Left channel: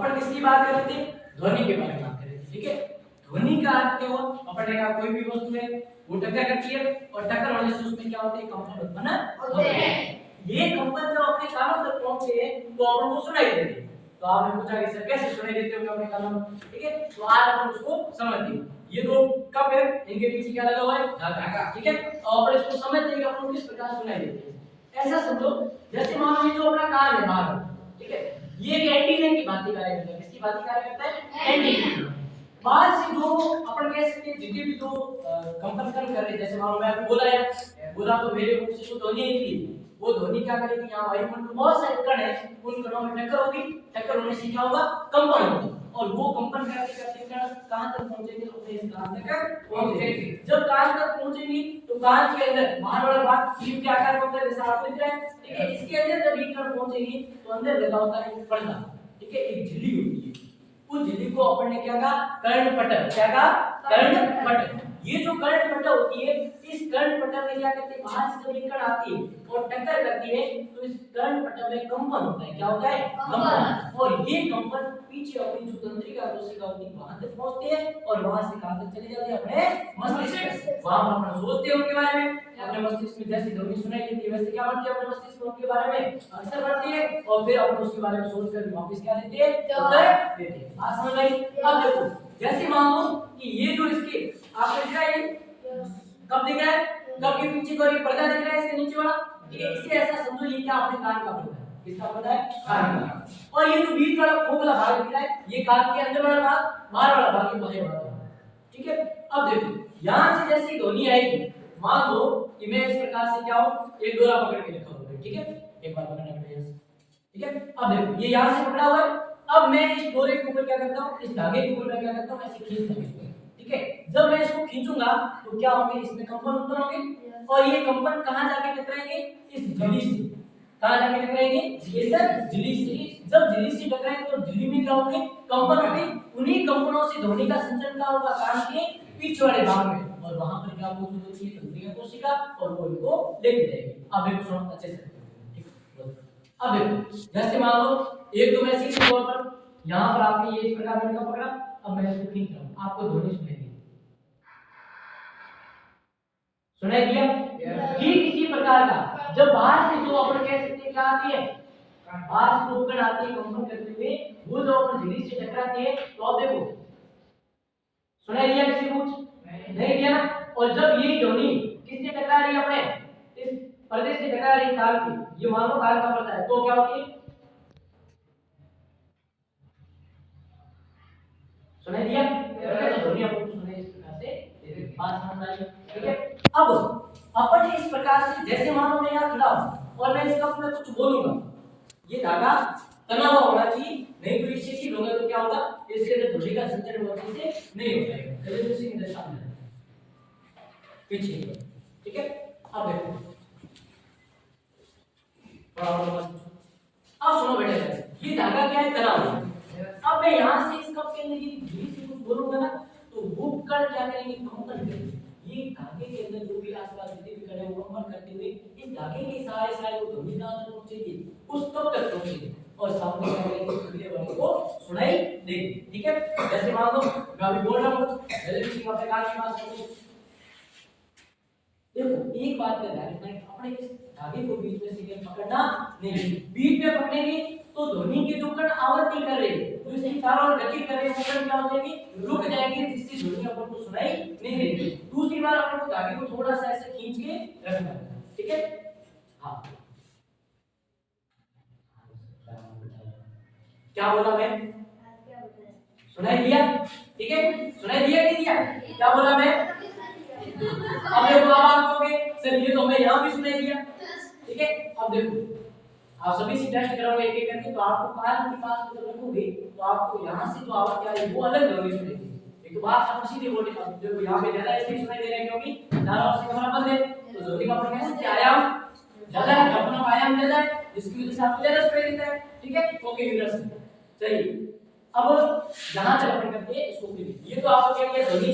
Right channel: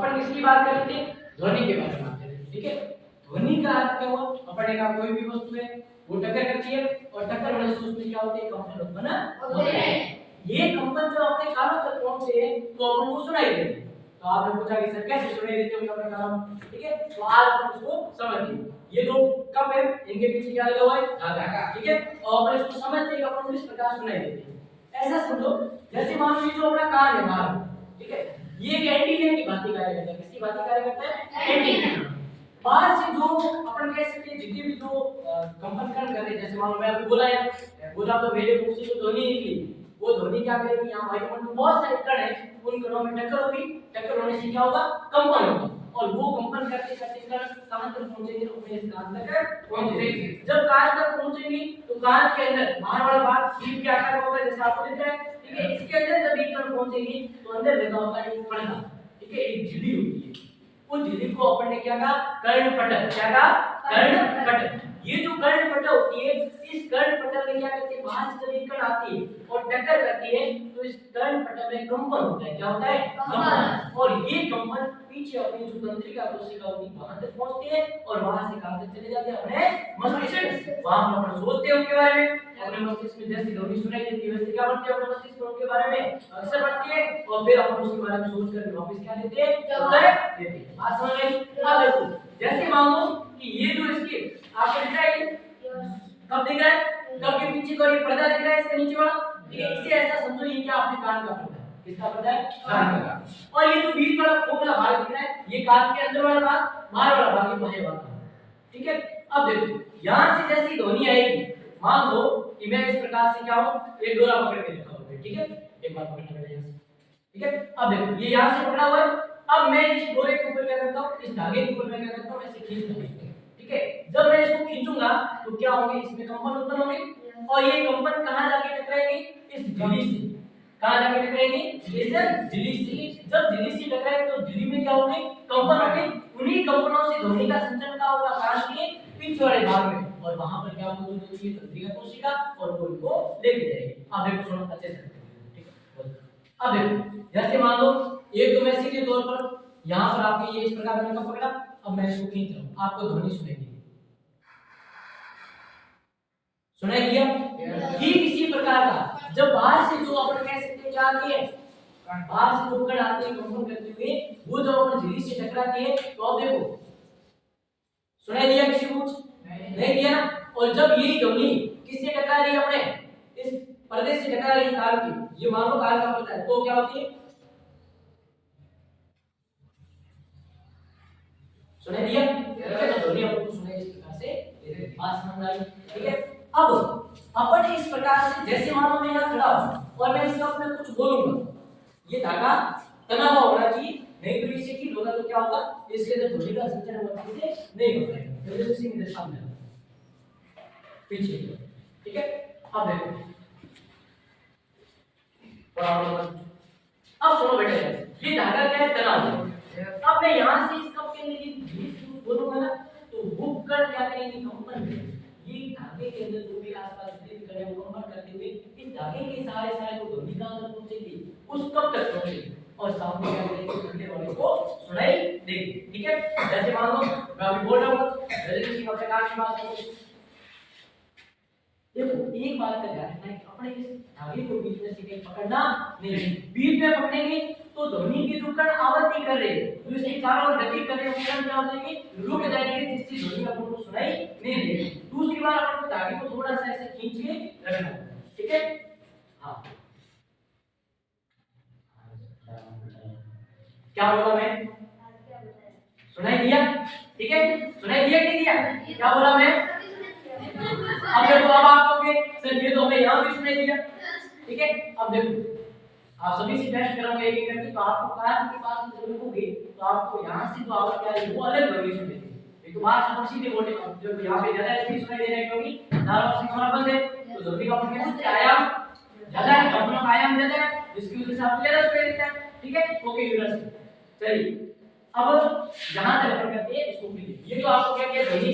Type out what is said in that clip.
अपन किसकी बात कर रहे थे? ध्वनि के बारे में बात कर रहे थे। ठीक है, ध्वनि का अर्थ क्या हुआ? अपन ने कहा कोई भी वस्तु है वो टक्कर करती है और टक्कर होने से उसमें क्या होते हैं? कंपन उत्पन्न होते हैं। ये कंपन जब अपने कानों तक पहुंचते हैं तो अपन को सुनाई देते हैं। तो आपने पूछा कि सर कैसे सुनाई देते होंगे अपने कानों में? ठीक है, तो आज अपन उसको समझते हैं। ये दो कप है, इनके पीछे क्या लगा हुआ है? धागा। ठीक है, तो अपन इसको समझते हैं कि अपन को किस प्रकार सुनाई देते हैं। ऐसा समझो जैसे मान लो ये जो अपना कान है बाहर, ठीक है, ये एक एंटीना की भांति कार्य करता है। किसकी भांति कार्य करता है? एंटीना। बाहर से जो अपन कह सकते हैं जितने भी जो कंपन कण कर रहे हैं, जैसे मान लो मैं आपको बोला है, बोला तो मेरे मुंह से जो ध्वनि निकली, वो ध्वनि क्या करेगी? यहाँ वायुमंडल में बहुत सारे कण है, उन कणों में टक्कर होगी, टक्कर होने से क्या होगा? कंपन होगा, और वो कंपन करते करते कण कहां तक पहुंचेंगे? अपने इस कान तक पहुंचेंगे। जब कान तक पहुंचेंगे तो कान के अंदर बाहर वाला भाग सीप के आकार का होता है, जैसे आपको दिख रहा है। ठीक है, इसके अंदर जब ये कण पहुंचेंगे तो अंदर लगा होता है एक पर्दा। ठीक है, एक झिल्ली होती है, उस झिल्ली को अपन ने क्या कहा? कर्णपटल। क्या कहा? कर्णपटल। ये जो कर्णपटल होती है, इस कर्णपटल में क्या करते हैं? बाहर से जब ये कण आती है और टक्कर करती है तो इस कर्णपटल में कंपन होता है। क्या होता है? कंपन। और ये कंपन पीछे अपनी जो तंत्रिका कोशिका होती है वहां तक पहुंचते हैं और वहां से कहां तक चले जाते हैं? अपने मस्तिष्क। वहां पर अपन सोचते हैं उनके बारे में, अपने मस्तिष्क में जैसी ध्वनि सुनाई देती है वैसे क्या बनती है? अपने मस्तिष्क में उनके बारे में अक्सर बनती है, और फिर अपन उसके बारे में सोचकर वापस क्या देते हैं? उत्तर देते हैं। आज समझ गई? अब देखो, जैसे मान लो कि ये जो इसकी आपको दिख रहा है, कब दिख रहा है? कब के पीछे को ये पर्दा दिख रहा है, इसके नीचे वाला। ठीक है, इसे ऐसा समझो ये क्या? अपने कान का पर्दा है। किसका पर्दा है? कान का। और ये जो बीच वाला खोखला भाग दिख रहा है, ये कान के अंदर वाला भाग, बाहर वाला भाग, ये बाहर वाला भाग। ठीक है, अब देखो यहां से जैसी ध्वनि आएगी, मान लो कि मैं इस प्रकार से क्या हूं? एक डोरा पकड़ के रखा हुआ है। ठीक है, एक बार पकड़ना बेटा यहां से। ठीक है, अब देखो ये यहां से पकड़ा हुआ है। अब मैं इस डोरे के ऊपर क्या करता हूं? इस धागे के ऊपर मैं क्या करता हूं? ऐसे खींचता हूं इसको। ठीक है, जब मैं इसको खींचूंगा तो क्या होंगे? इसमें कंपन उत्पन्न होंगे, और ये कंपन कहां जाके टकराएंगे? इस झिल्ली से। कहां जाके टकराएंगे? इस झिल्ली से। जब झिल्ली से टकराएंगे तो झिल्ली में क्या होंगे? कंपन होंगे। उन्हीं कंपनों से ध्वनि का संचरण का होगा कान के पीछे वाले भाग में, और वहां पर क्या मौजूद होती है? तंत्रिका कोशिका, और वो इनको लेके जाएगी। अब देखो सुनो अच्छे से। ठीक है, अब देखो जैसे मान लो एक तो मैं सीधे तौर पर यहां पर आपके ये इस प्रकार मैंने पकड़ा, अब मैं इसको खींच रहा हूं, आपको ध्वनि सुनाई दी। सुनाई दिया? ठीक इसी प्रकार का जब बाहर से जो अपन कह सकते हैं क्या आती है? बाहर से जो कण आती है कंपन करते हुए, वो जो अपन झिल्ली से टकराती है, तो अब देखो सुनाई दिया किसी को? नहीं दिया ना। और जब ये ध्वनि किससे टकरा रही है? अपने इस पर्दे से टकरा रही है कान की, ये मान लो कान का पर्दा है, तो क्या होती है? सुनाई दिया? तो ध्वनि आपको सुनाई इस प्रकार से बात समझ आई। ठीक है, अब अपन इस प्रकार से जैसे मान लो मैं यहाँ खड़ा हूँ और मैं इस कप में कुछ बोलूंगा, ये धागा तना हुआ होना चाहिए, नहीं तो इसे की होगा तो क्या होगा? इसके अंदर ध्वनि का संचरण वो अच्छे से नहीं हो पाएगा। चलिए इसी में सामने पीछे। ठीक है, अब देखो अब सुनो बेटा, ये धागा क्या है? तना हुआ। अब मैं यहाँ से इस कप के अंदर ये धीरे से कुछ बोलूंगा ना, तो वो कण क्या करेंगे? कंपन करेंगे। ये धागे के अंदर जो भी आसपास जितने भी कण है वो कंपन करते हुए इस धागे के सहारे सहारे वो ध्वनि कहां तक पहुंचेगी? उस कप तक पहुंचेगी, और सामने क्या करेंगे? अगले वाले को सुनाई देगी। ठीक है, जैसे मान लो मैं अभी बोल रहा हूं जल्दी से प्रकार की बात है। देखो एक बात का ध्यान रखना है कि अपने इस धागे को बीच में से कहीं पकड़ना नहीं है। बीच में पकड़ेंगे तो ध्वनि के जो कण आवर्ती कर रहे हैं, जो इसकी चारों ओर गति कर रहे हैं, वो कण क्या हो जाएंगे? रुक जाएंगे, जिससे ध्वनि अपन को सुनाई नहीं देगी। दूसरी बार अपन को धागे को थोड़ा सा ऐसे खींच के रखना। ठीक है, हाँ क्या बोला मैं? सुनाई दिया? ठीक है, सुनाई दिया कि नहीं दिया? क्या बोला मैं? अब देखो अब आप कहोगे सर ये तो हमें यहाँ भी सुनाई दिया। ठीक है, अब देखो आप सभी से टेस्ट कराऊंगा एक एक करके, तो आपको कान के पास में जब रखोगे तो आपको यहाँ से जो आवाज आ रही है वो अलग ध्वनि सुनेगी। एक तो बात समझ सीधे बोलने का, देखो यहाँ पे ज्यादा इसलिए सुनाई दे रहा है क्योंकि चारों ओर से हमारा बंद है, तो ध्वनि का अपन कह सकते हैं आयाम ज्यादा है, अपना आयाम ज्यादा है, जिसकी वजह से आपको ज्यादा सुनाई देता है। ठीक है, ओके यूनिवर्स। चलिए अब जहां तक अपन करते हैं इसको ये तो आपको क्या किया ध्वनि